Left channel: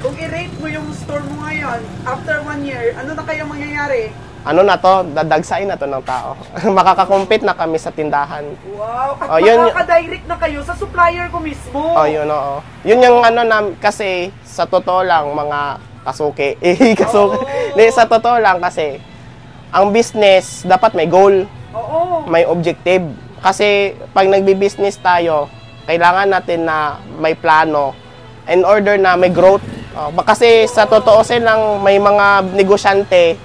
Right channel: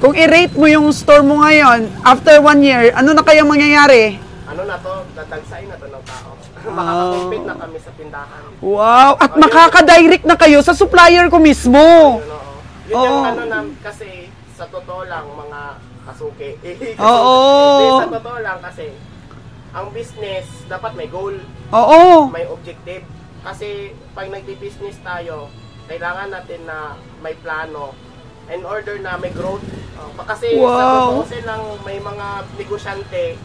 Kung i-rate mo yung store mo ngayon, after 1 year, ano na kaya mangyayari? Ano na to, dadagsain na to ng tao. Makaka-compete na kami sa tindahan. Wow! At makaka-direct na kayo sa supplier ko mismo. Yun, oo. Yun yung ano na, kasi sa totoo lang, mga kasuki. Sa totoo lang kasi, ang business, dapat may goal. Oo. May objective. Kasi pag nagbi-business tayo, kailangan natin na may plano in order na may growth. Kasi sa totoo silang may mga negosyante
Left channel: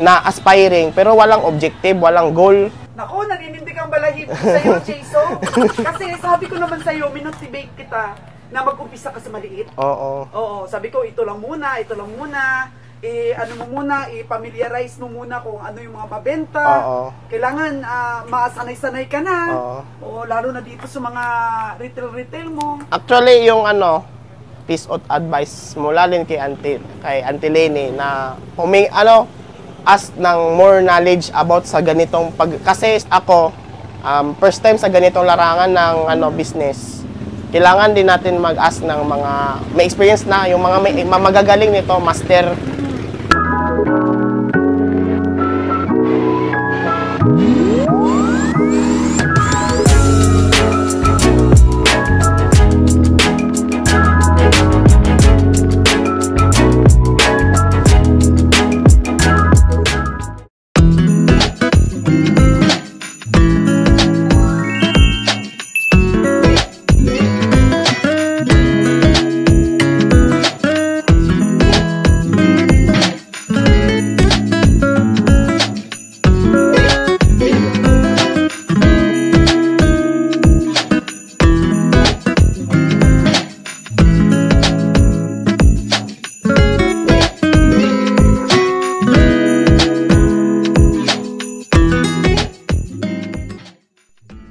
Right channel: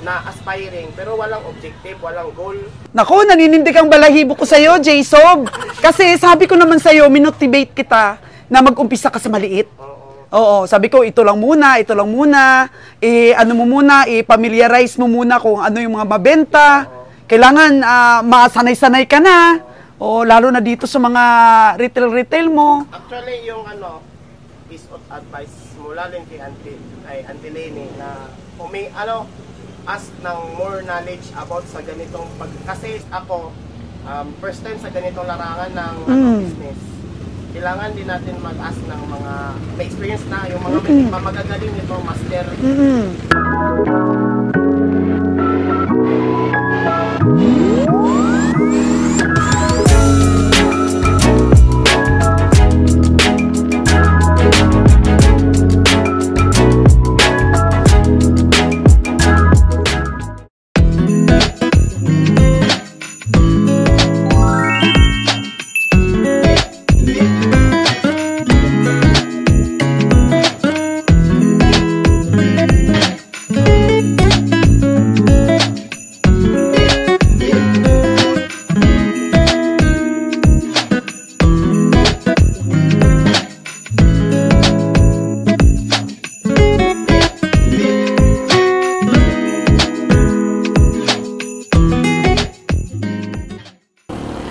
na aspiring pero walang objective, walang goal. Naku, naninindig ang balahibo ko sa'yo, Jason. Kasi sabi ko naman sa'yo, minotivate kita na mag-umpisa ka sa maliit. Oo, sabi ko, ito lang muna. Ano mo muna, i-familiarize mo muna kung ano yung mga mabenta. Kailangan masanay-sanay ka na. Lalo na dito sa mga retail mo. Actually, yung piece of advice mula din kay Auntie Lenny na ask ng more knowledge about sa ganitong kasi ako first time sa ganitong larangan ng business. Kailangan din natin mag-ask ng mga may experience na, yung mga magagaling nito, master.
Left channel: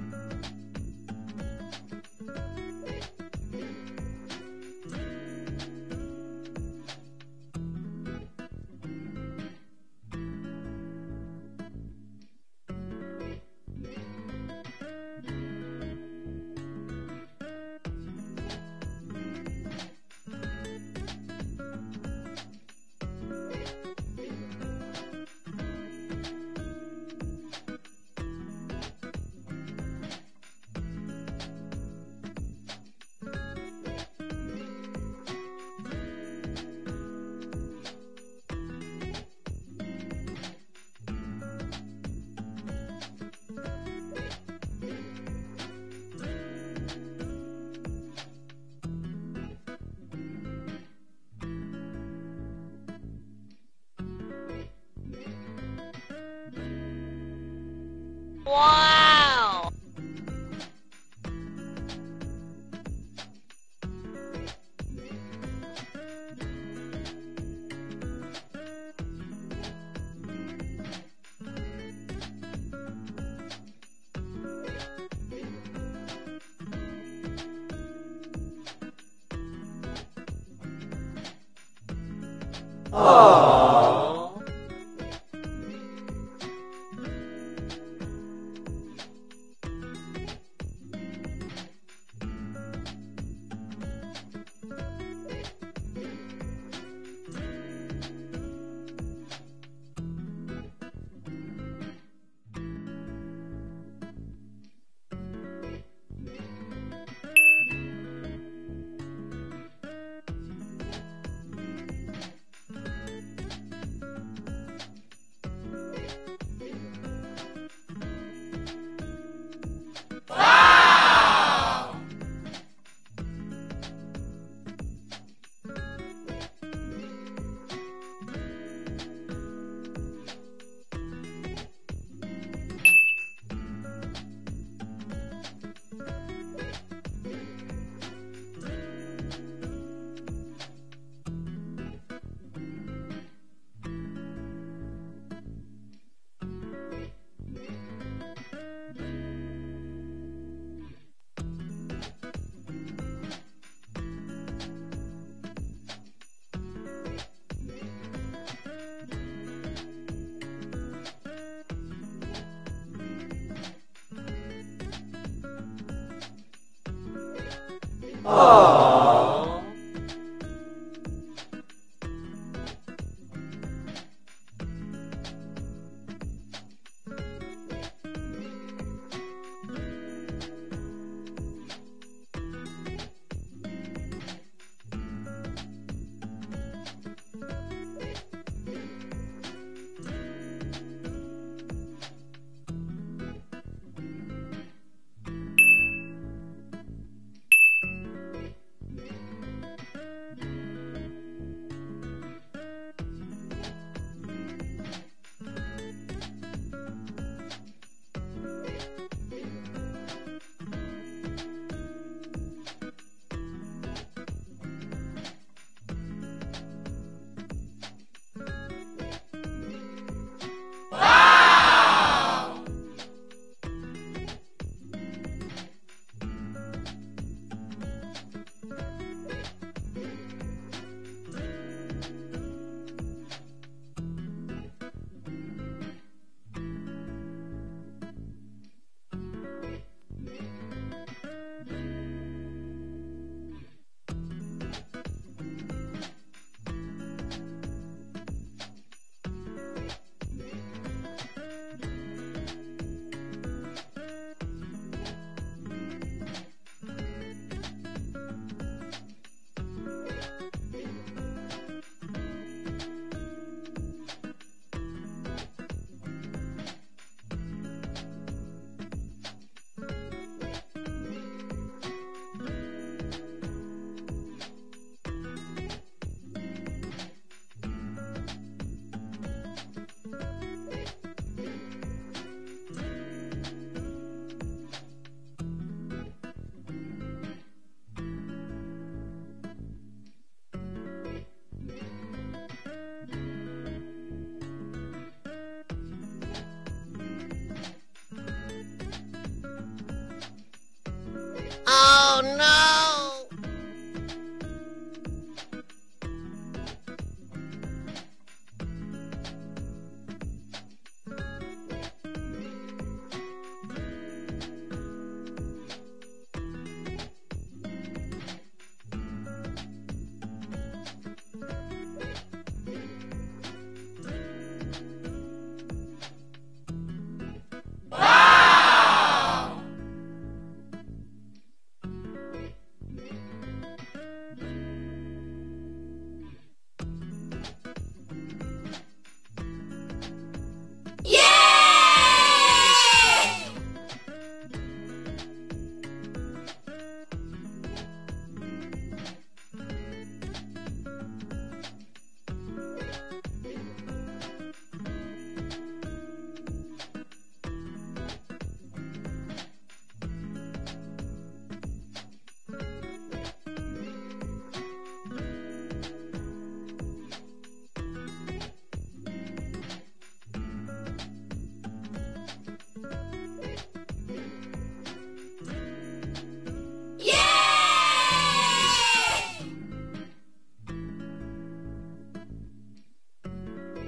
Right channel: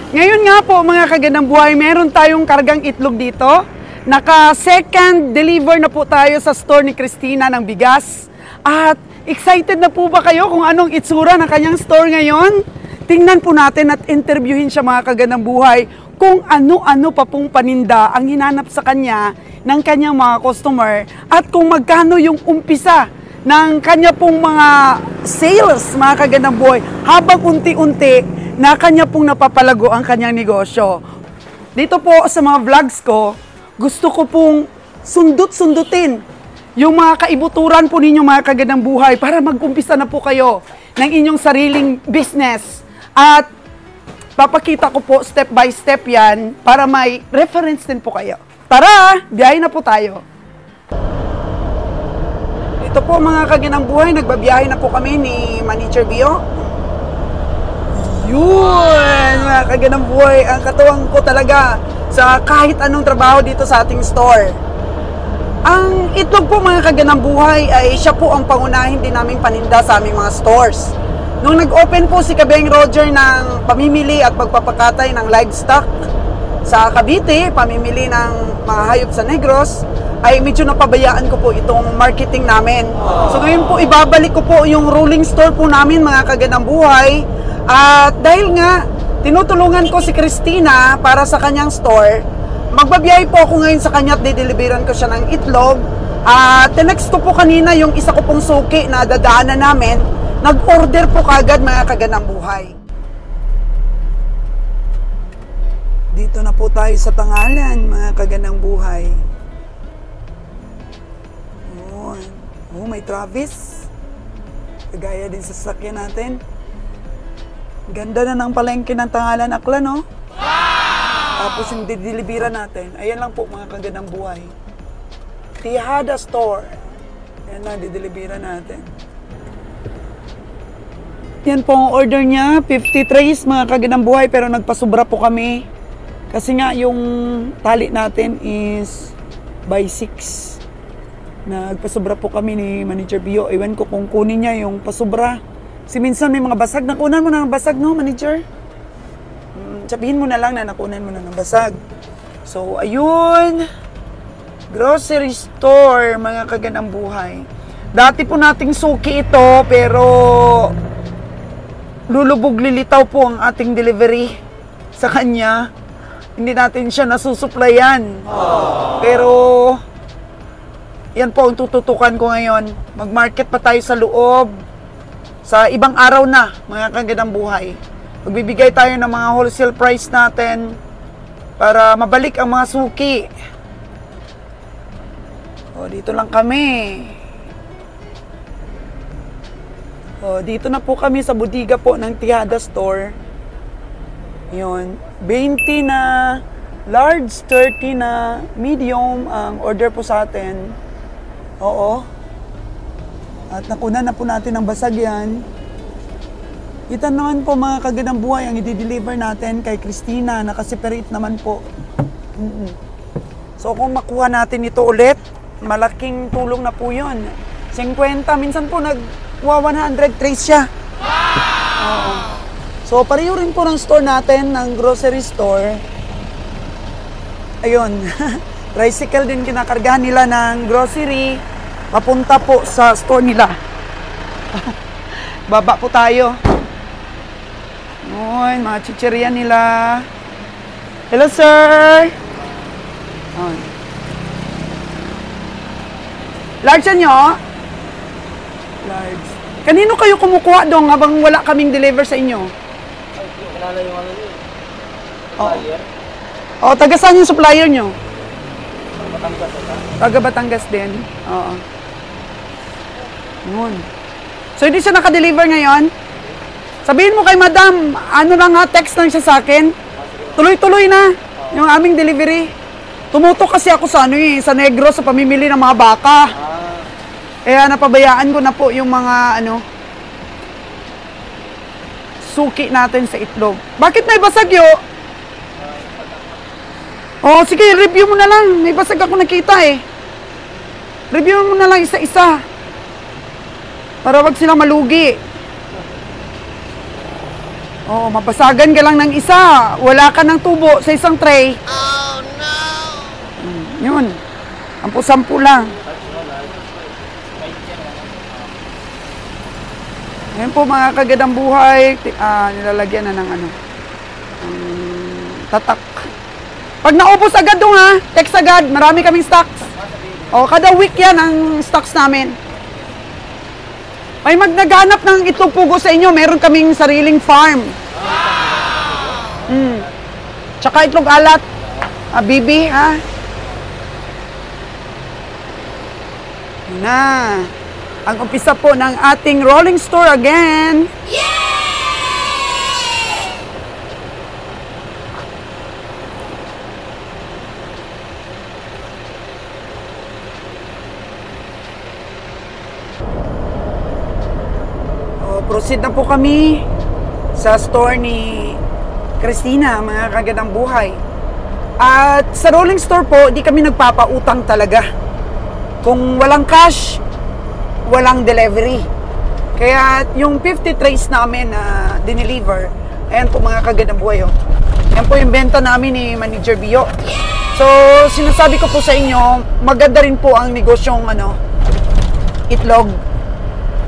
Ngayon nga po mga kagandang buhay, meron tayong kargang itlog dito. Naka-second deliver na po tayo sa store ni Christina ng bigas. At excited na po ba kayo kung anong itsura ng kanyang store ngayon? Tingnan po natin at interviewin siya mga kagandang buhay kung ano-ano pa pong paninda ang hinanap sa kanya ng kanyang mga customer at kung magkano yung umpisa ng kanya pong mga sales mga kagandang buhay habang unti-unti na kanya pong napapalago ang kanyang negosyo. Dito po sa mga vlogs ko, gusto ko pong sundot-sundutin yung mga kaibuturan po ninyo mga kagandang buhay para mag-umpisa na po kayo ng inyong sariling business. At papakita ko po step by step yan para may reference din po kayo. Tara, biyahe na po tayo. Dito po mga kagandang buhay, nagbabiyahe na po kami ni Manager Bio. Yun, mga kagandang buhay, ang katuwang ko talaga sa kahit anong trabaho dito sa ating store. Ang itlog po mga kagandang buhay ay siya po ang pangunahin din naming paninda sa aming mga stores. Nung nag-open po si Kabeng Roger ng pamimili at pagpapakatay ng livestock sa Cavite, pamimili ng mga hayop sa Negros, ay medyo napabayaan ko po itong marketing namin. So ngayon po, ibabalik ko po yung rolling store po namin mga kagandang buhay. At dahil nga, tinutulungan ko si Christina para sa kanyang store, magbabiyahe po ako ngayon sa kanya at dideliveran ko siya ng itlog. At tinext ko po kanina yung isa ko pong suki na dadaanan namin, nag-order po kagad mga kagandang buhay. Dito na po tayo sa Tangalan, mga kagandang buhay. May Travis. Kagaya din sa sasakyan natin. Ganda na ng palengke ng Tangalan, Aklan, no? Wow! Tapos yung dideliveran natin, ayan lang po mga kagandang buhay. Tihada Store. Ayan lang, dideliveran natin. Yan po ang order niya, 50 trays mga kagandang buhay, pero nagpasubra po kami. Kasi nga yung tali natin is by 6. Nagpasubra po kami ni Manager Bio. Iwan ko kung kunin niya yung pasubra. Kasi minsan may mga basag. Nakunan mo na ng basag, no, Manager? Sabihin mo na lang na nakunan mo na ng basag. So, ayun. Grocery store, mga kagandang buhay. Dati po nating suki ito, pero lulubog lilitaw po ang ating delivery sa kanya. Hindi natin siya nasusuplayan. Pero Yan po ang tututukan ko ngayon. Mag-market pa tayo sa loob. Sa ibang araw na, mga kagandang buhay. Magbibigay tayo ng mga wholesale price natin para mabalik ang mga suki. O, dito lang kami. O, dito na po kami sa bodega po ng Tejada Store. Yun. 20 na large, 30 na medium ang order po sa atin. Oo. At nakunan na po natin ang basag yan. Kita naman po mga kagandang buhay ang i-deliver natin kay Christina. Nakaseparate naman po. So kung makuha natin ito ulit, malaking tulong na po yun. 50, minsan po nagwa 100 trays siya. So pareho rin po ng store natin, ng grocery store. Ayun. Tricycle din kinakargahan nila ng grocery. Papunta po sa store nila. Baba po tayo. Ayun, mga chichirya nila. Hello, sir! Ayun. Large nyo? Large. Kanino kayo kumukuha doon habang wala kaming deliver sa inyo? Kilala yung ano yun. Supplier. Oo, taga saan yung supplier nyo? Batangas ata. Taga Batangas din. Oo. Yun. So, hindi siya nakadeliver ngayon? Sabihin mo kay madam, ano lang ha, text lang siya sa akin. Tuloy-tuloy na yung aming delivery. Tumutok kasi ako sa sa Negros sa pamimili ng mga baka. Kaya napabayaan ko na po yung mga suki natin sa itlog. Bakit may basagyo? Oh, sige, review mo na lang. May basag ako nakita eh. Review mo na lang isa-isa. Para wag silang malugi. Oh, mapasagan ka lang ng isa. Wala ka ng tubo sa isang tray. Oh, no! Yun. Sampu-sampu lang. Ngayon po mga kagandang buhay, nilalagyan na ng tatak. Pag naubos agad doon ha, text agad, marami kaming stocks. O, kada week yan ang stocks namin. May naghanap ng itlog pugo sa inyo, meron kaming sariling farm. Tsaka itlog alat, bibi ha. Yun na. Ang umpisa po ng ating rolling store again. Proceed na po kami sa store ni Christina, mga kagandang buhay. At sa rolling store po, di kami nagpapautang talaga. Kung walang cash, walang delivery. Kaya yung 50 trays namin na dineliver, ayan po mga kagandang buhay. Oh. Ayan po yung benta namin ni Manager Bio. So, sinasabi ko po sa inyo, maganda rin po ang negosyong itlog.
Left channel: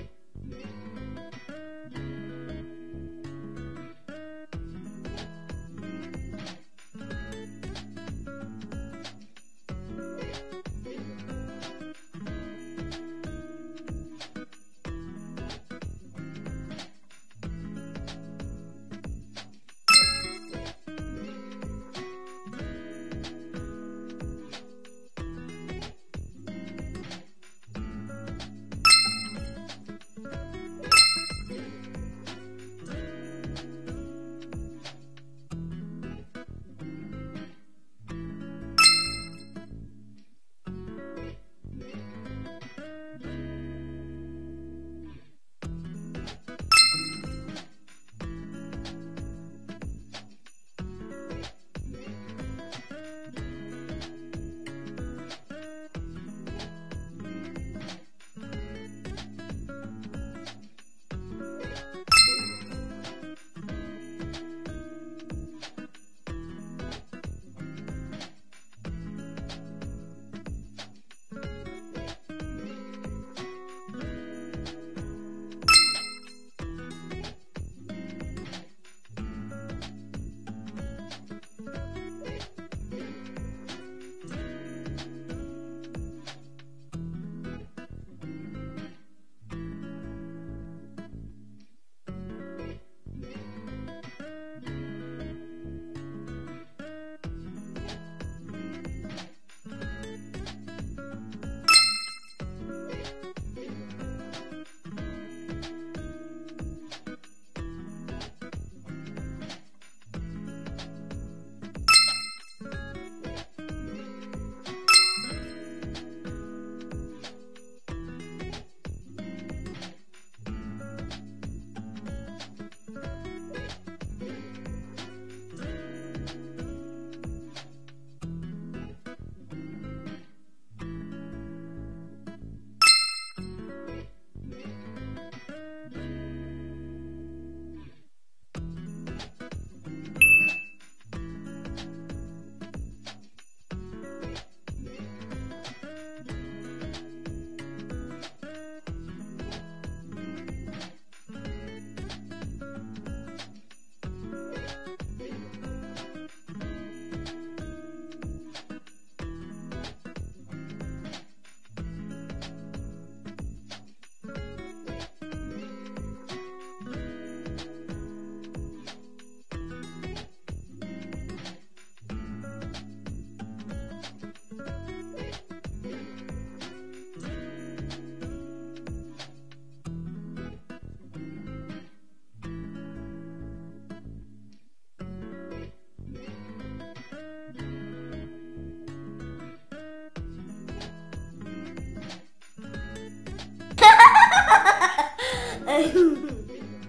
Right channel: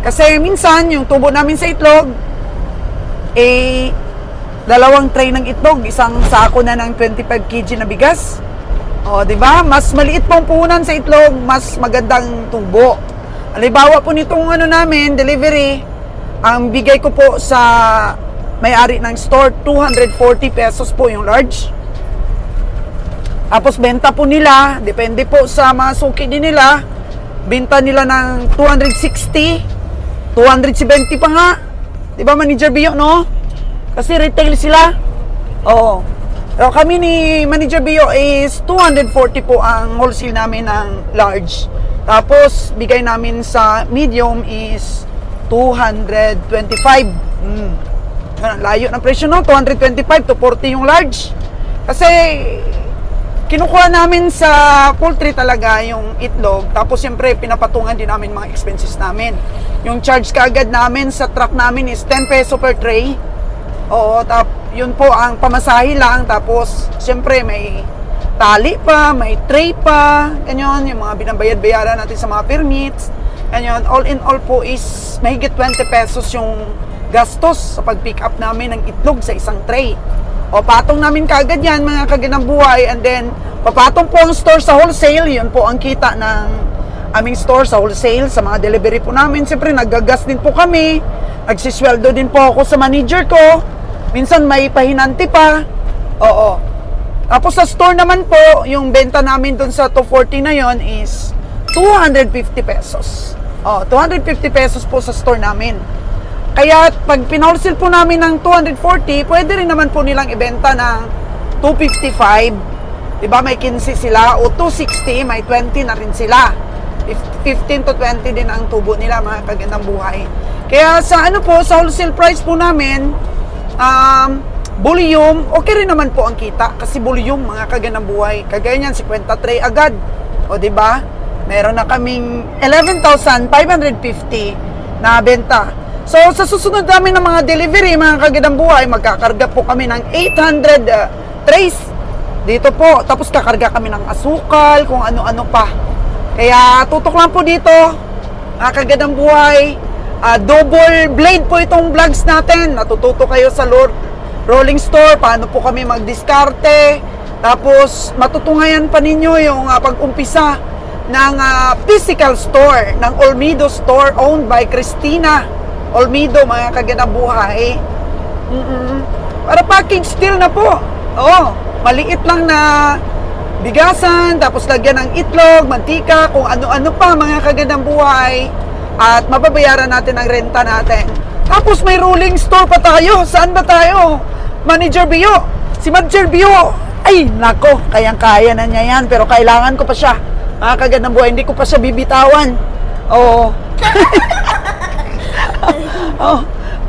Kasi minsan, yung tubo namin sa itlog, dalawang tray ng itlog, isang sako na ng 25 kg na bigas. O, di ba? Mas maliit pong puhunan sa itlog, mas magandang tubo. Halimbawa po nitong namin, delivery, ang bigay ko po sa may-ari ng store, 240 pesos po yung large. Tapos benta po nila, depende po sa mga suki din nila, benta nila ng 260, 270 pa nga. Diba, Manager Bio, no? Kasi retail sila. Oo. Pero kami ni Manager Bio is 240 po ang wholesale namin ng large. Tapos, bigay namin sa medium is 225. Layo ng presyo, no? 225 to 40 yung large. Kasi, kinukuha namin sa poultry talaga yung itlog. Tapos, siyempre, pinapatungan din namin mga expenses namin. Yung charge kaagad namin sa truck namin is 10 peso per tray. Oo, yun po ang pamasahe lang. Tapos, siyempre, may tali pa, may tray pa. Ganyan, yung mga binabayad-bayaran natin sa mga permits. Ganyan, all in all po is mahigit 20 pesos yung gastos sa pag-pick up namin ng itlog sa isang tray. O, patong namin kaagad yan, mga kagandang buhay. And then, papatong po ang store sa wholesale. Yun po ang kita ng aming store sa wholesale, sa mga delivery po namin. Siyempre, naggagas din po kami. Nagsisweldo din po ako sa manager ko. Minsan may pahinanti pa. Oo. Tapos sa store naman po, yung benta namin dun sa 240 na yon is 250 pesos. 250 pesos po sa store namin. Kaya pag pinawholesale po namin ng 240, pwede rin naman po nilang ibenta ng 255. Diba may 15 sila, o 260, may 20 na rin sila. 15 to 20 din ang tubo nila, mga kagandang buhay. Kaya sa sa wholesale price po namin, volume, okay rin naman po ang kita. Kasi volume, mga kagandang buhay. Kagaya niyan, 50 tray agad. O diba? Meron na kaming 11,550 na benta. So, sa susunod namin ng mga delivery, mga kagandang buhay, magkakarga po kami ng 800 trays. Dito po. Tapos kakarga kami ng asukal, kung ano-ano pa. Kaya tutok lang po dito, mga kagandang buhay. Double blade po itong vlogs natin. Natututo kayo sa rolling store, paano po kami magdiskarte. Tapos matutungayan pa ninyo yung pag-umpisa ng physical store, ng Olmedo store owned by Christina Olmedo, mga kagandang buhay. Para package deal na po. Maliit lang na bigasan, tapos lagyan ng itlog, mantika, kung ano-ano pa, mga kagandang buhay. At mababayaran natin ang renta natin. Tapos may rolling store pa tayo. Saan ba tayo? Manager Bio. Si Manager Bio, ay nako, kayang-kaya na niya yan. Pero kailangan ko pa siya. Mga kagandang buhay, hindi ko pa siya bibitawan.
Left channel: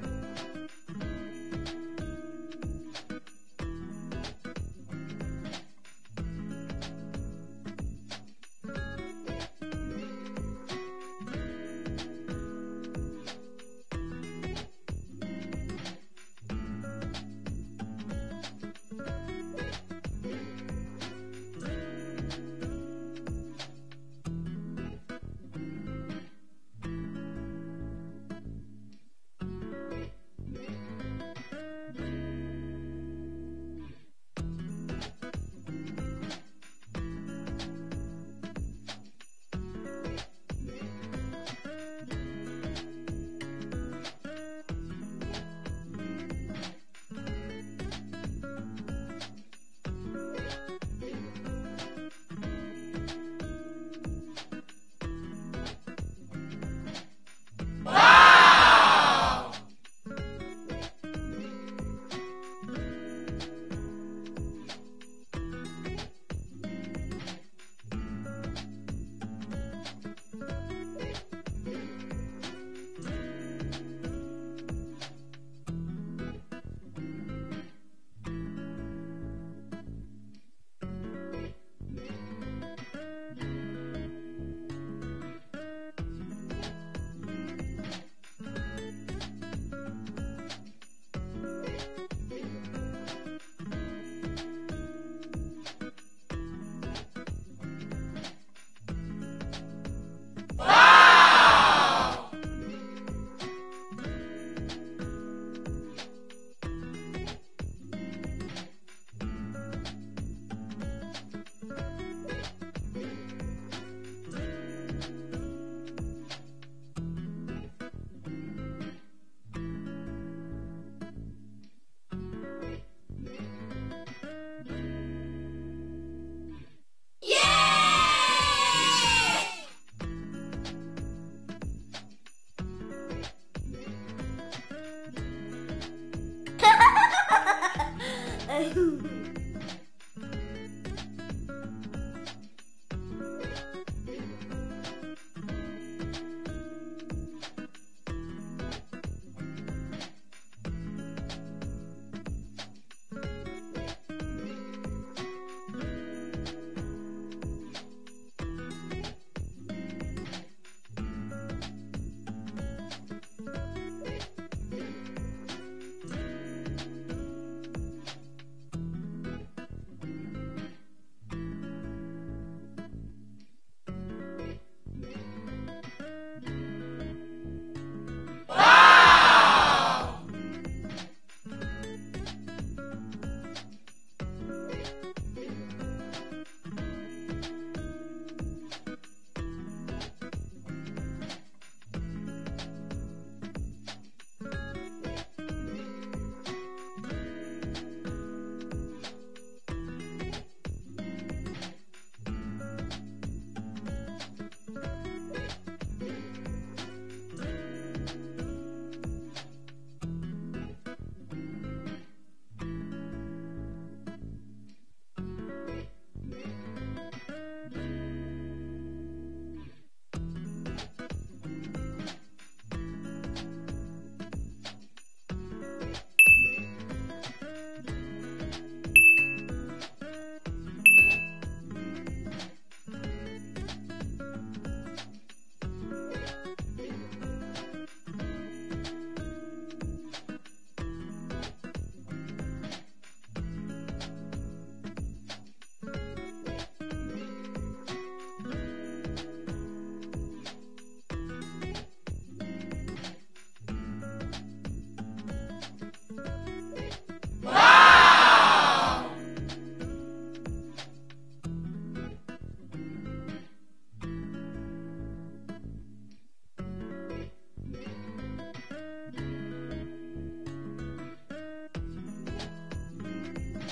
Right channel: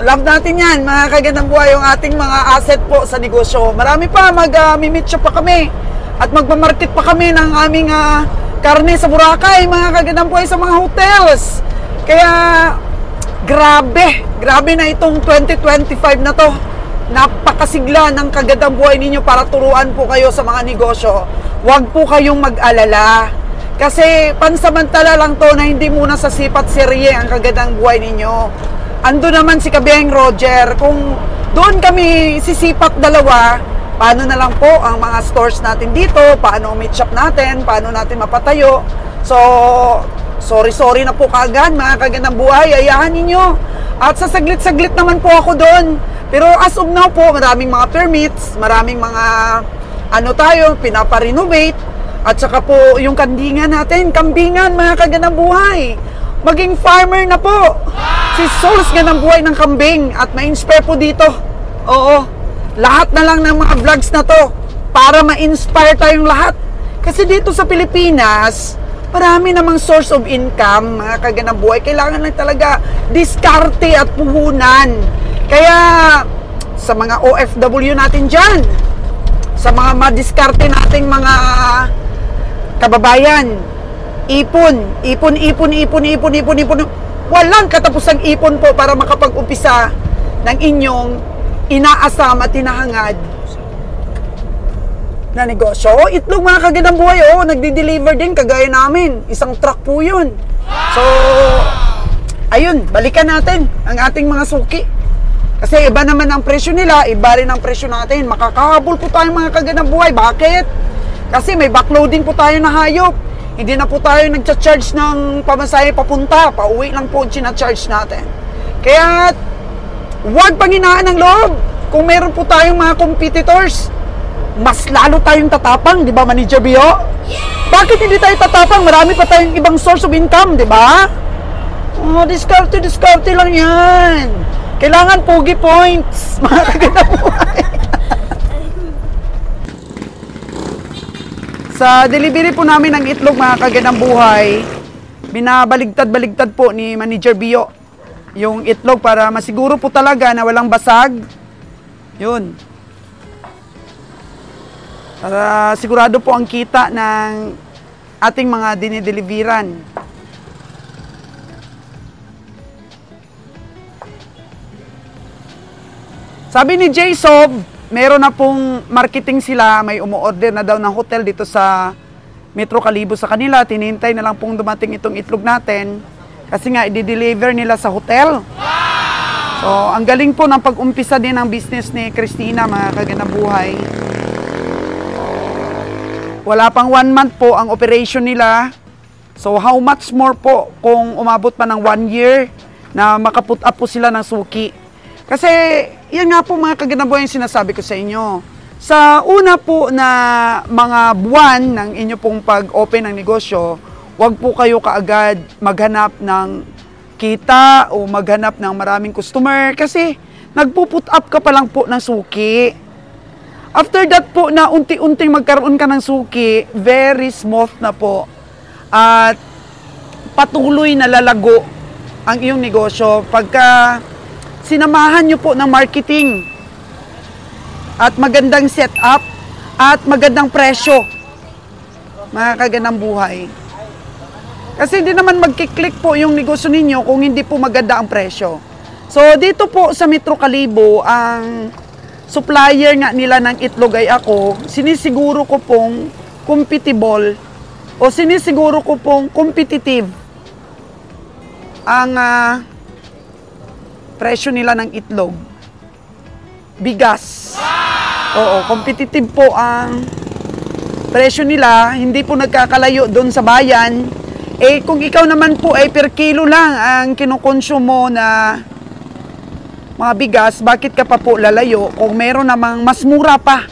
Love natin yan, mga kagandang buhay, yung ating mga asset po sa negosyo. Marami pa, mag-meet shop pa kami. At magmamarket pa kami ng aming karne sa Boracay, mga kagandang buhay, sa mga hotels. Kaya, grabe na itong 2025 na to. Napakasigla ng kagandang buhay ninyo para turuan po kayo sa mga negosyo. Huwag po kayong mag-alala. Kasi pansamantala lang to na hindi muna sa sipat serye ang kagandang buhay ninyo. Ando naman si Kabeng Roger. Kung doon kami sisipat dalawa, paano na lang po ang mga stores natin dito, paano meet shop natin, paano natin mapatayo. So, sorry na po kagad, mga kagandang buhay, ayahan ninyo. At sa saglit-saglit naman po ako doon. Pero as of now po, maraming mga permits, maraming mga pinaparenovate. At saka po yung kandingan natin, kambingan, mga kagandang buhay. Maging farmer na po. Si Souls Gandang Buhay ng kambing. At ma-inspire po dito. Oo. Lahat na lang ng mga vlogs na to para ma-inspire tayong lahat. Kasi dito sa Pilipinas, marami namang source of income, mga kagandang buhay. Kailangan lang talaga diskarte at puhunan. Kaya sa mga OFW natin dyan, sa mga madiskarte nating mga kababayan, ipon. Walang katapusang ipon po para makapag-umpisa ng inyong inaasam at hinahangad na negosyo. Itlog, mga kagandang buhay, nagdi-deliver din kagaya namin. Isang truck po yun. So, ayun, balikan natin ang ating mga suki. Kasi iba naman ang presyo nila, iba rin ang presyo natin. Makakahabol po tayo, mga kagandang buhay. Bakit? Kasi may backloading po tayo na hayop. Hindi na po tayo nagcha-charge ng pamasahe papunta. Pauwi lang po ang charge natin. Kaya, huwag panghinaan ng loob. Kung meron po tayong mga competitors, mas lalo tayong tatapang, di ba, Manager Bio? Yeah! Bakit hindi tayo tatapang? Marami pa tayong ibang source of income, di ba? Diskarte lang yan. Kailangan pogi points, mga kagandang buhay. Sa delivery po namin ng itlog, mga kagandang buhay, binabaligtad-baligtad po ni Manager Bio yung itlog para masiguro po talaga na walang basag. Yun. Para sigurado po ang kita ng ating mga dinideliveran. Sabi ni J-Sob, meron na pong marketing sila, may umu-order na daw ng hotel dito sa Metro Calibo sa kanila. Tinintay na lang pong dumating itong itlog natin kasi nga i-deliver nila sa hotel. So, ang galing po ng pag-umpisa din ng business ni Christina, mga kagandang buhay. Wala pang 1 month po ang operation nila. So how much more po kung umabot pa ng 1 year na makaput up po sila ng suki. Kasi yan nga po mga kaganabuhay yung sinasabi ko sa inyo. Sa una po na mga buwan ng inyo pong pag-open ng negosyo, huwag po kayo kaagad maghanap ng kita o maghanap ng maraming customer kasi nagpo-put up ka pa lang po ng suki. After that po na unti-unting magkaroon ka ng suki, very smooth na po. At patuloy na lalago ang iyong negosyo pagka sinamahan nyo po ng marketing at magandang setup at magandang presyo, mga kagandang buhay. Kasi hindi naman magkiklik po yung negosyo ninyo kung hindi po maganda ang presyo. So dito po sa Metro Kalibo, ang supplier nga nila ng itlog ay ako, sinisiguro ko pong compatible o sinisiguro ko pong competitive ang presyo nila ng itlog. Bigas. Oo, competitive po ang presyo nila, hindi po nagkakalayo doon sa bayan. Eh kung ikaw naman po ay per kilo lang ang kinukonsumo na mga bigas, bakit ka pa po lalayo kung meron namang mas mura pa?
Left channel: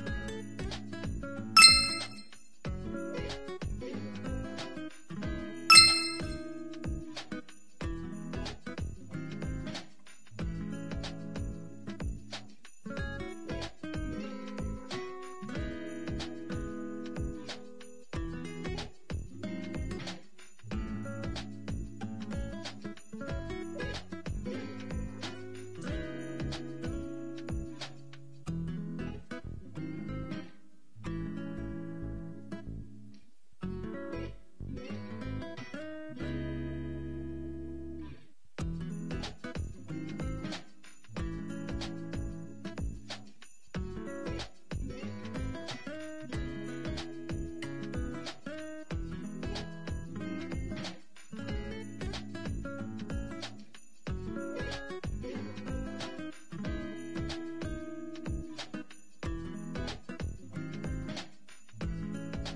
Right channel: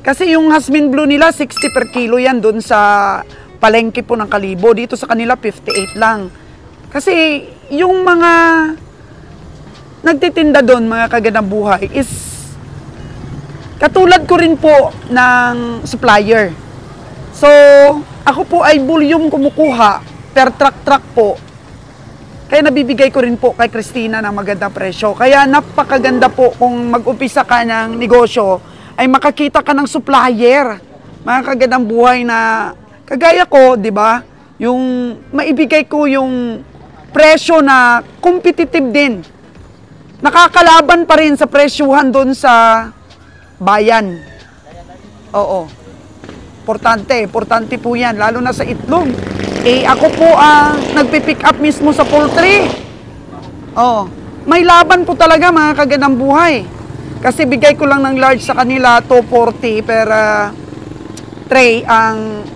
Kasi yung Jasmine Blue nila, 60 per kilo yan doon sa palengke po ng Kalibo. Dito sa kanila, 58 lang. Kasi yung mga nagtitinda doon, mga kagandang buhay, is katulad ko rin po ng supplier. So, ako po ay volume kumukuha per truck po. Kaya nabibigay ko rin po kay Christina ng magandang presyo. Kaya napakaganda po kung mag-umpisa ka ng negosyo, ay makakita ka ng supplier. Mga kagandang buhay na kagaya ko, di ba? Yung maibigay ko yung presyo na competitive din. Nakakalaban pa rin sa presyuhan doon sa bayan. Oo. Importante po yan, lalo na sa itlog. Eh, ako po ang nagpipick up mismo sa poultry. Oo. May laban po talaga mga kagandang buhay. Kasi bigay ko lang ng large sa kanila, 240 per tray. Ang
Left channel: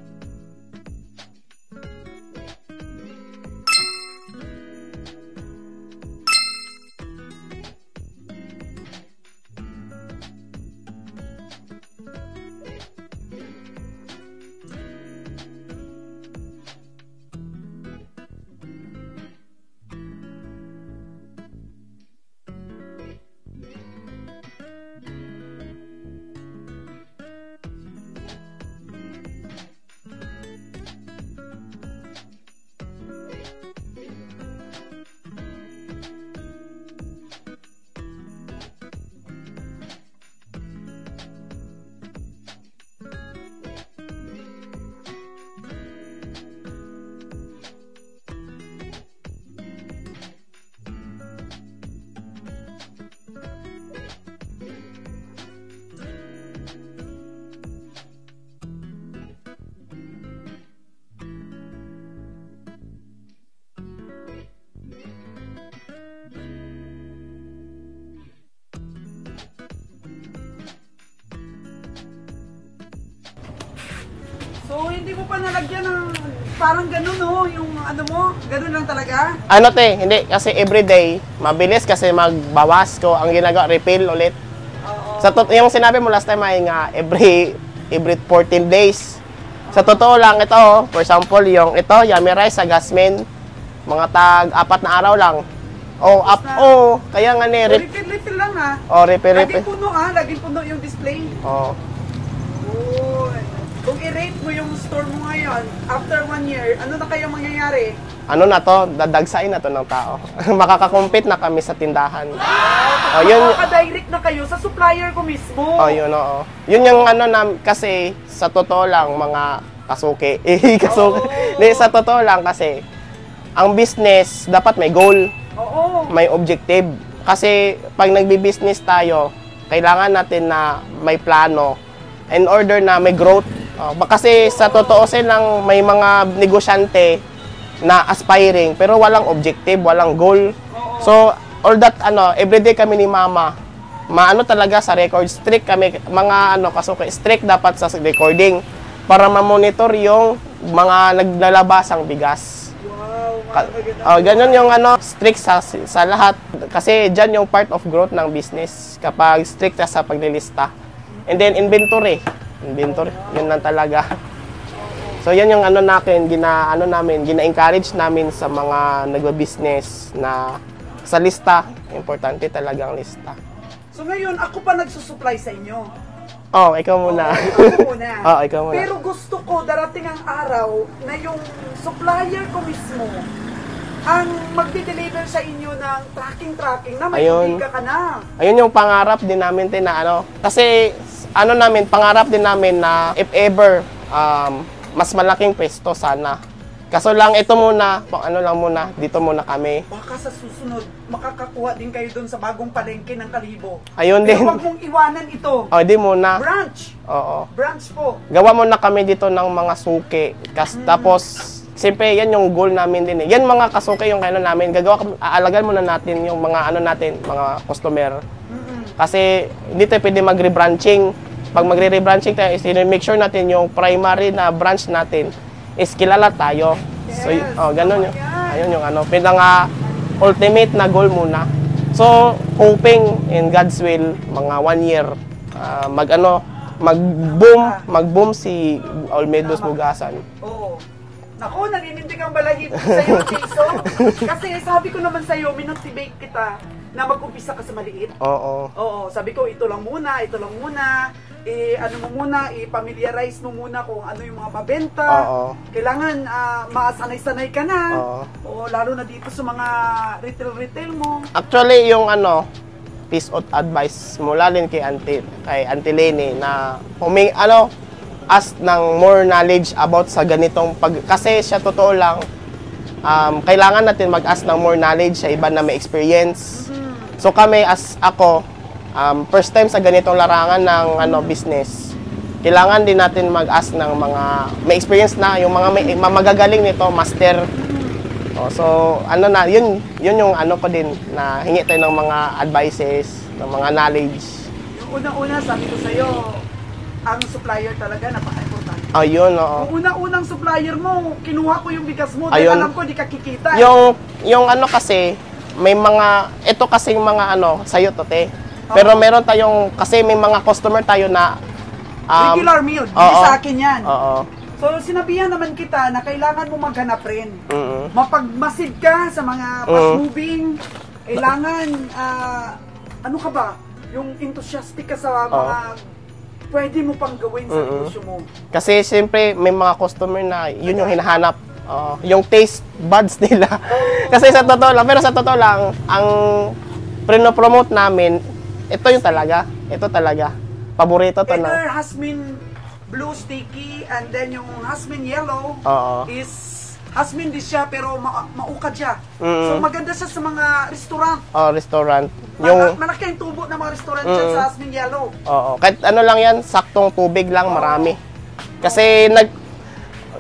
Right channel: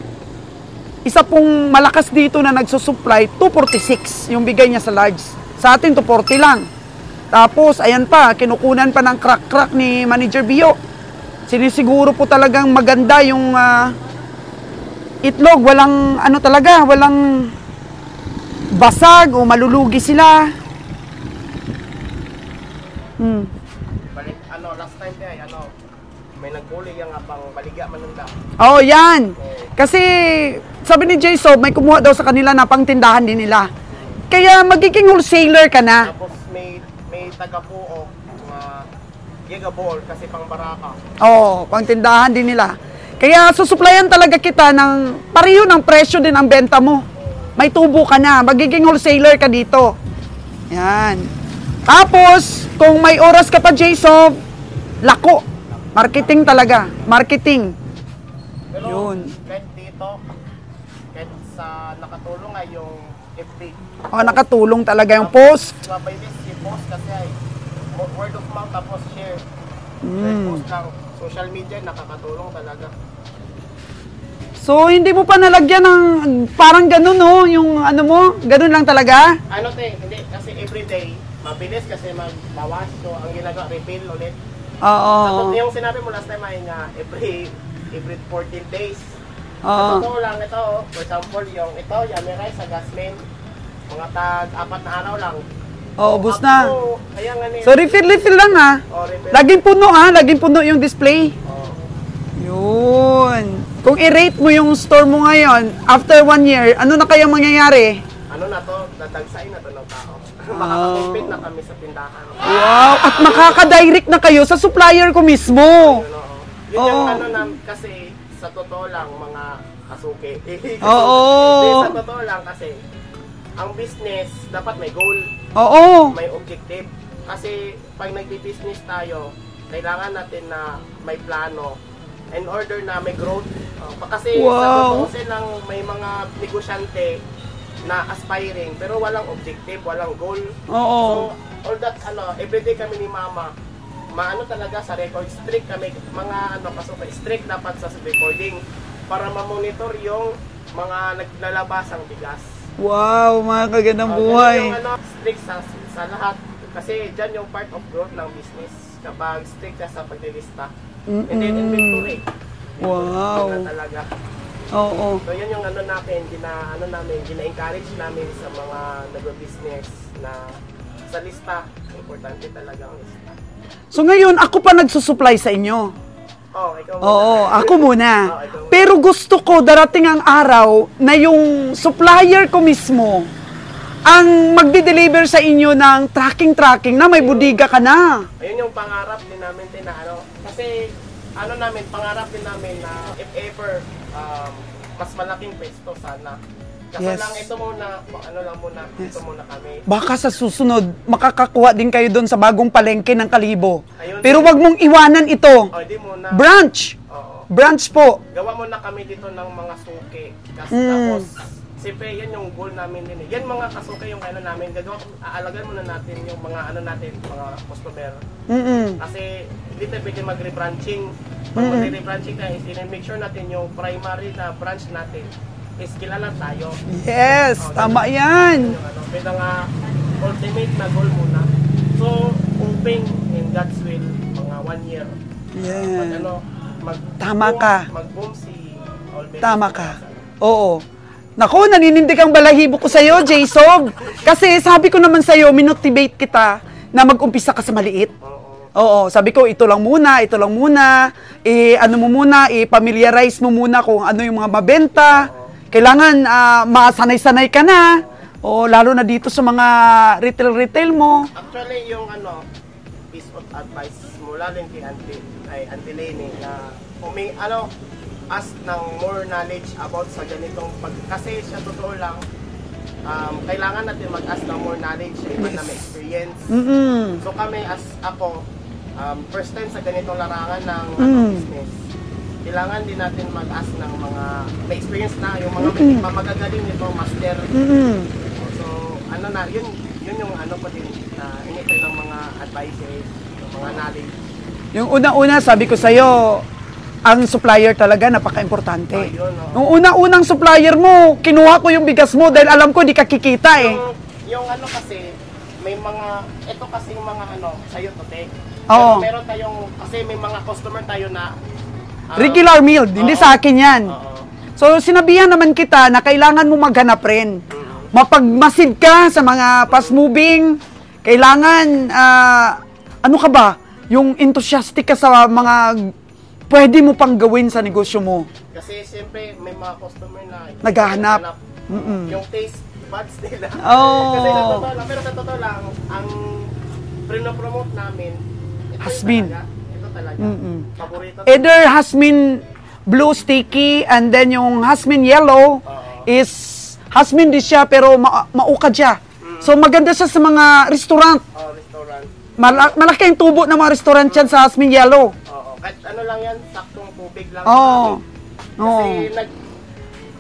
isa pong malakas dito na nagsusupply, 246 yung bigay niya sa large. Sa atin, 240 lang. Tapos, ayan pa, kinukunan pa ng crack-crack ni Manager Bio. Sinisiguro po talagang maganda yung itlog. Walang, ano talaga, walang basag o malulugi sila. Balik, last time kaya, may nagbuli yung pang baligya manunda. Oh, yan. Kasi, sabi ni J-Sob, may kumuha daw sa kanila na pangtindahan din nila. Kaya magiging wholesaler ka na. Tapos may taga-puok, gigaball kasi pang baraka. Oo, pangtindahan din nila. Kaya susuplayan talaga kita ng pareho ng presyo din ang benta mo. May tubo ka na, magiging wholesaler ka dito. Yan. Tapos, kung may oras ka pa, J-Sob, lako. Marketing talaga. Marketing. Pero, yun. kahit dito, kahit sa nakatulong ay yung FB. Oh, nakatulong talaga yung post. By this, yung post kasi ay word of mouth tapos share. Post lang. Social media, nakakatulong talaga. So, hindi mo pa nalagyan ng parang ganun, no? Yung ano mo, ganun lang talaga? Hindi. Kasi everyday, mabilis kasi magbawas ko. Ang ginagawa, refill ulit. Oo. Yung sinabi mo last time ay nga, every 14 days. Oo. Sa totoo lang ito, for example, yung ito, yummy rice sa Jasmine, mga tag 4 na araw lang. Ubus na. Kaya nga So, refill lang ha? refill. Laging puno ha? Laging puno yung display? Oo. Yun. Kung i-rate mo yung store mo ngayon, after 1 year, ano na kayang mangyayari? Ano na to? Dadagsain na to ng tao. Makakakompete na kami sa tindahan. Wow! At makaka-direct na kayo sa supplier ko mismo. Yun, oo. Yun yung kasi sa totoo lang, mga kasuki. Hindi, sa totoo lang kasi, ang business, dapat may goal. Oo. May objective. Kasi pag nagbi-business tayo, kailangan natin na may plano in order na may growth. Kasi sa totoo silang may mga negosyante na aspiring pero walang objective, walang goal. Oo. So all that everyday kami ni Mama, talaga sa record, strict kami mga kasuki, strict dapat sa recording para ma-monitor yung mga naglalabasang bigas. Wow, mga kagandang buhay. Ganun yung strict sa lahat. Kasi dyan yung part of growth ng business kapag strict ka sa paglilista. And then inventory. Wow. Yun lang talaga. Oo. So yan yung gina-encourage namin sa mga nagbo-business na sa lista, importante talaga ang lista. So ngayon, ako pa nagsusupply sa inyo. Ikaw muna. Oo, ako muna. Ikaw muna. Pero gusto ko darating ang araw na yung supplier ko mismo ang magde-deliver sa inyo ng tracking na may bodega ka na. Ayun yung pangarap din namin kasi pangarap din namin na if ever mas malaking pwesto sana. Kaso lang ito muna, dito muna kami. Baka sa susunod, makakakuha din kayo doon sa bagong palengke ng Kalibo. Ayun pero din. wag mong iwanan ito. Di muna. Branch! Oo. Branch po. Gawa muna kami dito ng mga suki. Tapos, siyempre, yan yung goal namin din eh. Yan mga kasuki yung namin. Aalagan muna natin yung mga mga customer. Kasi hindi tayo pwede mag-rebranching. Pag magre-rebranching tayo, make sure natin yung primary na branch natin is kilala tayo. Yes, So, tama yan. Yun yung ultimate na goal muna. So, hoping in God's will, mga 1 year, mag-boom si Olmedos Bugasan. Oo. Naku, naninindig ang balahibo ko sa'yo, Jason. Kasi sabi ko naman sa'yo, minotivate kita na mag-umpisa ka sa maliit. Oo, sabi ko, ito lang muna. I-familiarize mo muna kung ano yung mga mabenta. Kailangan masanay-sanay ka na. Lalo na dito sa mga retail mo. Actually, yung piece of advice mula din kay Auntie Lenny na ask ng more knowledge about sa ganitong kasi siya totoo lang, kailangan natin mag-ask ng more knowledge sa iba na may experience. So kami ako, first time sa ganitong larangan ng business, kailangan din natin mag-ask ng mga may experience na, yung mga magagaling nito, master. So yun yung ko din na hingi tayo ng mga advices, ng mga knowledge. Yung unang-una, sabi ko sa'yo, ang supplier talaga, napaka-importante. Ayun, Yung unang-unang supplier mo, kinuha ko yung bigas mo dahil alam ko di ka kikita Yung kasi, may mga, ito kasing mga sa'yo to, te. Pero meron tayong, kasi may mga customer tayo na regular meal, hindi sa akin yan. So, sinabihan naman kita na kailangan mo maghanap rin. Mapagmasid ka sa mga fast-moving, kailangan, yung enthusiastic ka sa mga pwede mo pang gawin sa negosyo mo. Kasi siyempre, may mga customer na yun yung hinahanap. Yung taste buds nila. Kasi sa totoo lang, ang promote namin, ito yung talaga. Ito talaga. Paborito talaga. Either Hasmin Blue Sticky and then yung Hasmin Yellow is Hasmin din siya pero maukad siya. So maganda siya sa mga restaurant. Restaurant. Malaki ang tubo ng mga restaurant dyan sa Hasmin Yellow. Kahit lang yan, saktong tubig lang marami. Kasi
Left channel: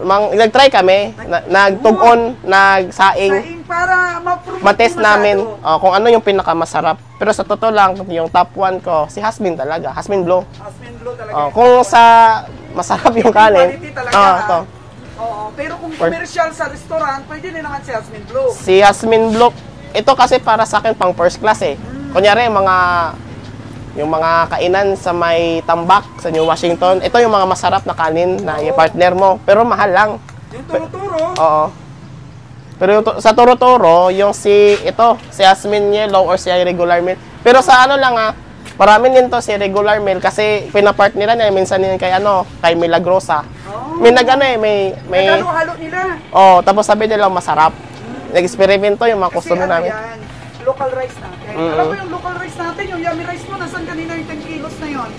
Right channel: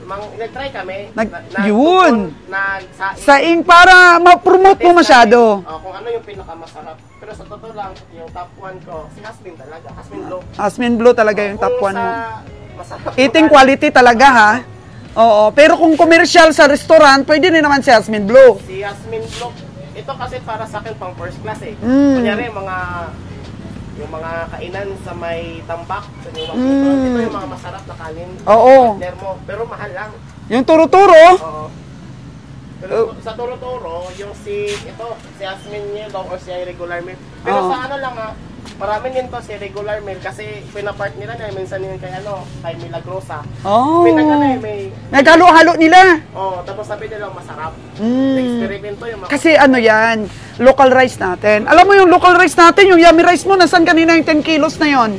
nag-try kami, nagtungkon, nagsaing. Saing para ma-promote mo masyado. Kung ano yung pinakamasarap. Pero sa totoo lang, yung top 1 ko, si Hasmin talaga, Hasmin Blue. Hasmin Blue talaga yung kung top 1. Sa masarap yung eating quality talaga ha. Pero kung commercial sa restaurant, pwede din naman si Hasmin Blue. Si Hasmin Blue, ito kasi para sa akin pang first class eh. Kunyari, yung mga kainan sa may Tambak, sa New Washington, ito yung mga masarap na kanin na i-partner mo. Pero mahal lang. Yung turo-turo? Pero sa turo-turo, yung si Jasmine Yellow or si regular meal. Pero sa marami din to si regular meal kasi pinapartneran niya minsan din kay Milagrosa. May may naghalo-halo nila. Tapos sabi nila masarap. Nag-eksperimento yung mga kasi yan, local rice natin. Alam mo yung local rice natin, yung yummy rice mo, nasan kanina yung 10 kilos na yon?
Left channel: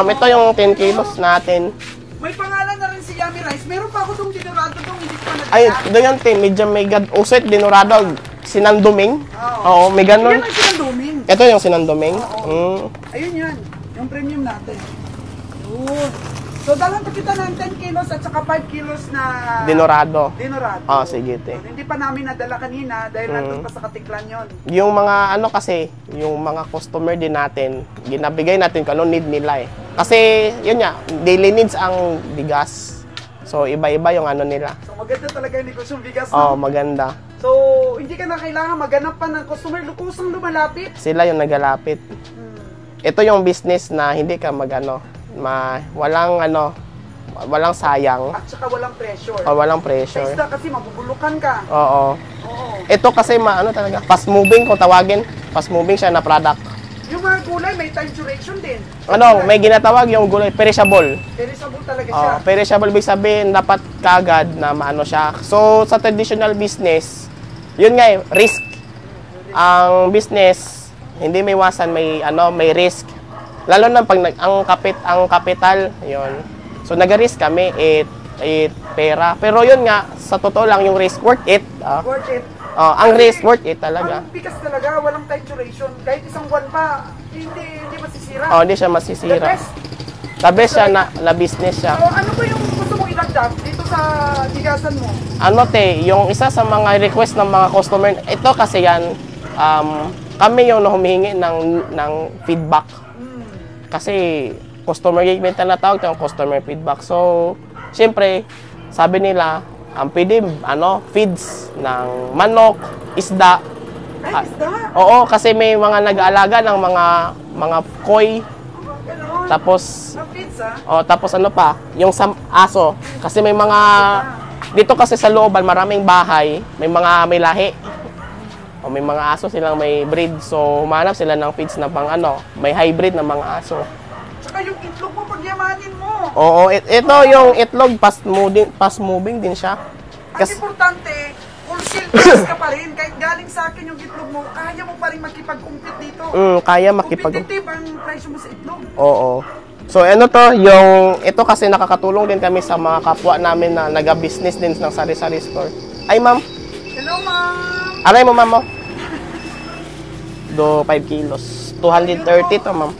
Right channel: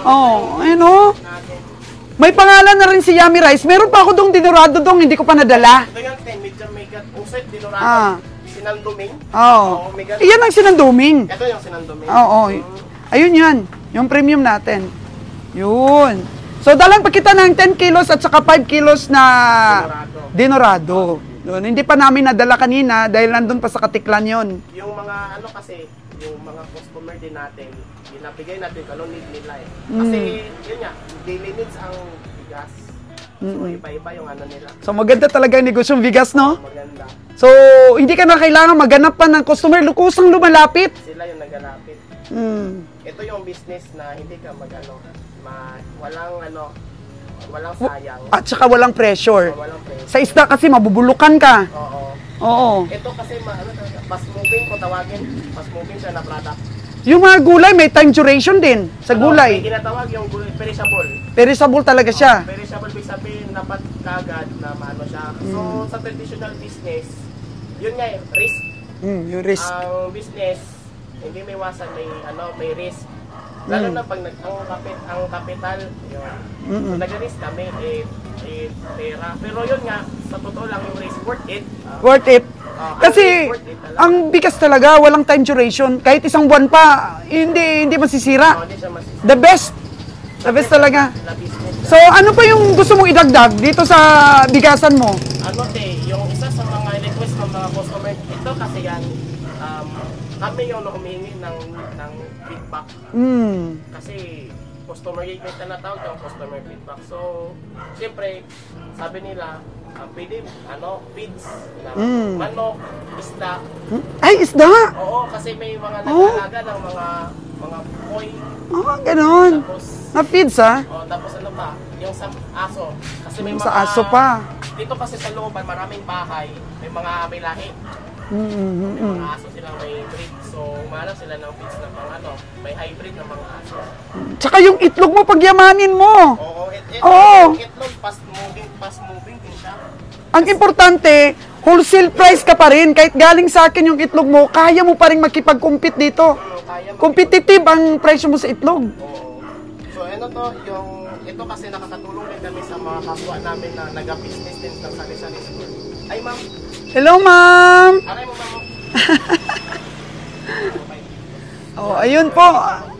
Ito yung 10 kilos natin. May pangalan na rin si Yummy Rice. Meron pa ako dong dinurado hindi ko pa nadala. Ito yung medyo may uset dinurado. Sinanduming. May ganun. Iyan ang sinanduming. Ito yung sinanduming. Ayun yan. Yung premium natin. Yun. So, dalang pa kita ng 10 kilos at saka 5 kilos na Dinorado. Sige. Yun, hindi pa namin nadala kanina dahil nandun pa sa Katiklan yon. Yung mga kasi, yung mga customer din natin, ginabigay natin kung ano need nila eh. Kasi, yun daily needs ang bigas. So, iba-iba yung ano nila. So, maganda talaga yung negosyong bigas, no? Oo, maganda. So, hindi ka na kailangan maghanap pa ng customer. Kusang lumalapit. Sila yung nagalapit. Ito yung business na hindi ka walang sayang. At saka walang pressure. Walang pressure. Sa isda kasi mabubulukan ka. Oo. Oo. Ito kasi talaga, fast moving kung tawagin. Fast moving siya na product. Yung mga gulay, may time duration din sa May gulay. ginatawag yung gulay, perishable. Perishable talaga siya. Perishable, ibig sabihin, dapat kagad na maano siya. So, sa traditional business, yun nga risk. Yung risk. Ang business, hindi may iwasan, may risk. Lalo na pag ang kapital, yun. So, nag-risk kami, pera. Pero yun nga, sa totoo lang, yung risk, worth it. Worth it. Ang risk, worth it talaga. Ang bigas talaga, walang time duration. Kahit isang buwan pa, hindi masisira. Hindi siya masisira. The best. The best talaga. Na business siya. So, ano pa yung gusto mong idagdag dito sa bigasan mo? Yung isa sa mga request ng mga customer, ito kasi yan, kami yung humihingi ng feedback. Kasi customer engagement na tawag ng customer feedback. So, siyempre, sabi nila, pwede, feeds na manok, isda. Ay, isda! Oo, kasi may mga nag-aalaga ng mga koi. Ganon. Tapos, Na-feeds, ha? tapos ano pa, yung aso. Kasi may mga, aso pa. dito kasi sa looban, maraming bahay, may lahi. O may mga aso silang may breed. So, humanap sila ng feeds na may hybrid na mga aso. Tsaka yung itlog mo, pagyamanin mo. Oo, yung itlog, fast moving din siya. Ang importante, wholesale price ka pa rin. Kahit galing sa akin yung itlog mo, kaya mo pa rin makipag-compete dito. Kaya Competitive ang presyo mo sa itlog. Oo. So, ito kasi nakakatulong din kami sa mga kapwa namin na nag-business din ng sari-sari store. Ay, ma'am. Hello, ma'am. Aray mo, ma'am, mo. 5 kilos. 230 ayun po. to, ma'am.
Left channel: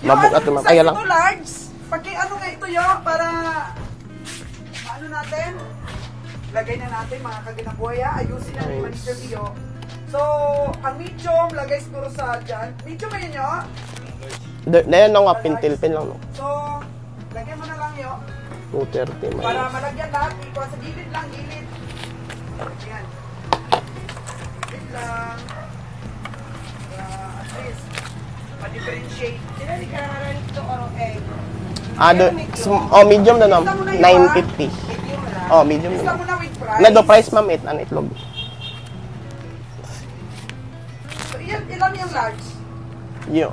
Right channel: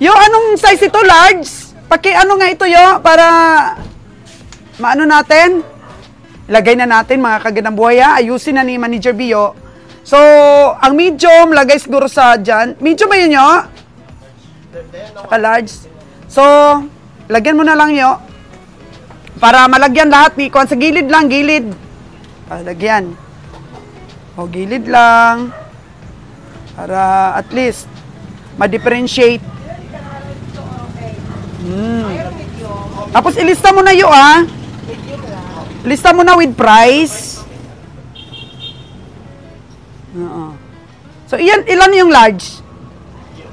Yo, anong size ito? Large? Nga ito, yo, para maano natin? Lagay na natin, mga kagandang buhay, ha? Ayusin na ni Manager Bio. So, ang medium, lagay siguro sa dyan. Medium ba yun, yo? Large. So, lagyan mo na lang, yo. 230. Para malagyan lahat, sa gilid lang, gilid. Lagyan. Gilid lang. Para at least, ma-differentiate. Medium. Tapos ilista mo na yun, ha? Medium. Lista mo na with price. Ito price, ma'am, ang itlog. So, ilan yung large? Yo.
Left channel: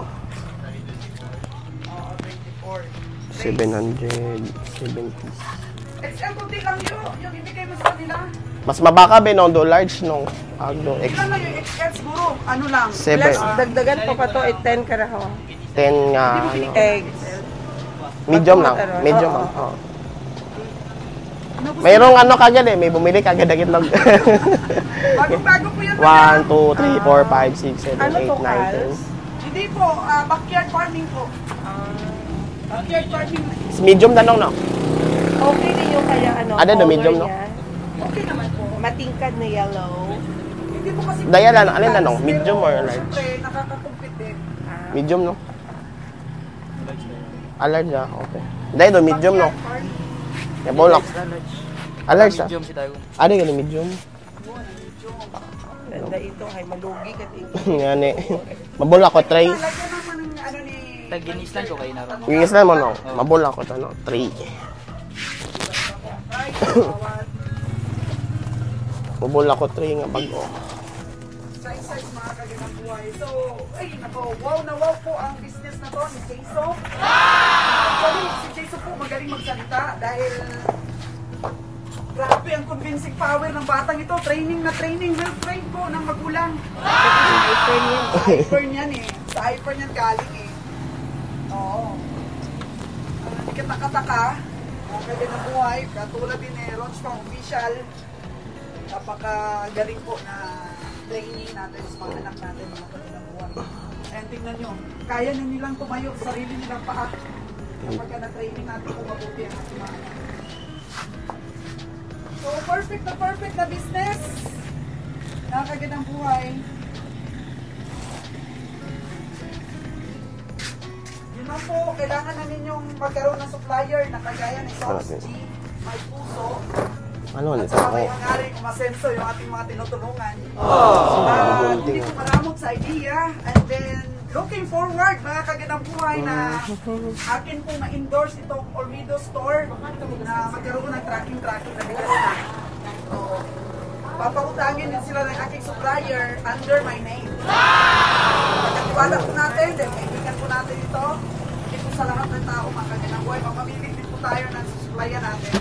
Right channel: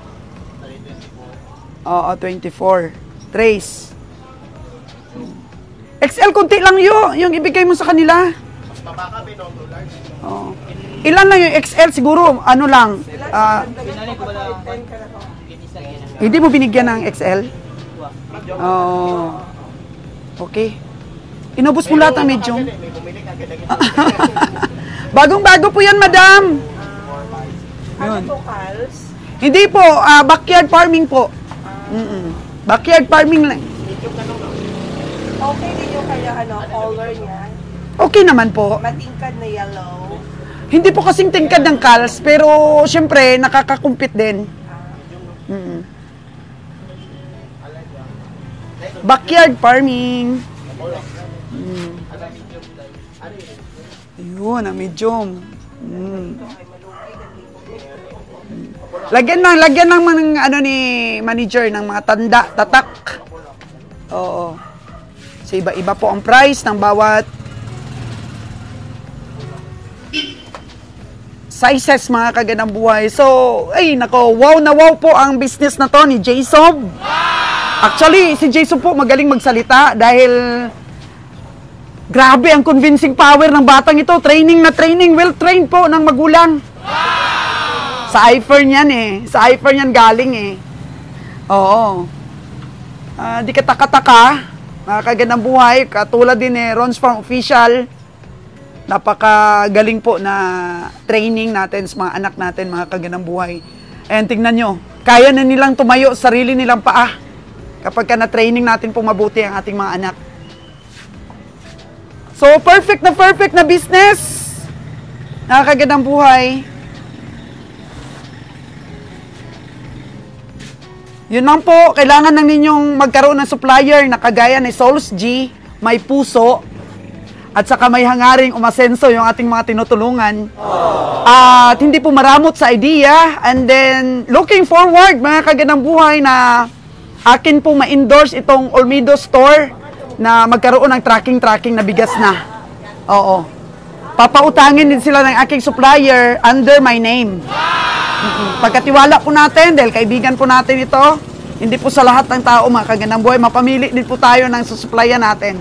24. Trace. 700. XL, kunti lang yung ibigay mo sa kanila. Mas mabaka ba nung large nung Ilan lang yung XL? Siguro, ano lang? Dagdagan po pa to, 10 karaho. 10 nga. Hindi mo binigyan ng XL? Medium lang. Medium lang. Okay. Inubos mo Mayroong lahat ng kagad may bumili kagad lang. Bagong-bago po yan, madam. 1, 2, 3, 4, 5, 6, 7, 8, 9, 10. Hindi po, backyard farming po. Backyard farming lang. Medium na nung, no? Okay din yung kaya Ano, medium, no? Okay naman po. Matingkad na yellow. Hindi po kasing tingkad ng cars, pero syempre, nakakakumpit din. Medium, no? Alert na, okay. Dahil medium, Backyard no? farming. Bolak. Alert siya. Ano yung medium? Ayun, medium. Ito ay malugi kasi. Yan eh. Mabulak ko. Lagyan ng mga ni manager ng mga tanda, tatak. Mabulak ko, 3. Oo. So, iba-iba po ang price ng bawat Mabulak ko 3 nga pag sizes, mga kagandang buhay. So, wow na wow po ang business na to ni Jason. Actually, si Jason po magaling magsalita dahil grabe ang convincing power ng batang ito. Training na training, well-trained po ng magulang. Sa iFern yan Sa iFern yan galing Oo. Di ka taka-taka, mga kagandang buhay. Katulad din Ron's Farm Official. Napakagaling po na training natin sa mga anak natin, mga kagandang buhay. And tingnan nyo, kaya na nilang tumayo sarili nilang paa kapag na-training natin po mabuti ang ating mga anak. So, perfect na business. Nakakagandang buhay. Yun lang po, kailangan lang ninyong magkaroon ng supplier na kagaya ni Souls G, may puso, at saka may hangaring umasenso yung ating mga tinutulungan. At hindi po maramot sa idea. And then, looking forward, mga kaganang buhay, na akin po ma-endorse itong Olmedo Store na magkaroon ng tracking na bigas na. Oo. Papautangin din sila ng aking supplier under my name. Pagkatiwala po natin, dahil kaibigan po natin ito, hindi po sa lahat ng tao, mga kaganang buhay, mapamili din po tayo ng susupplyan natin.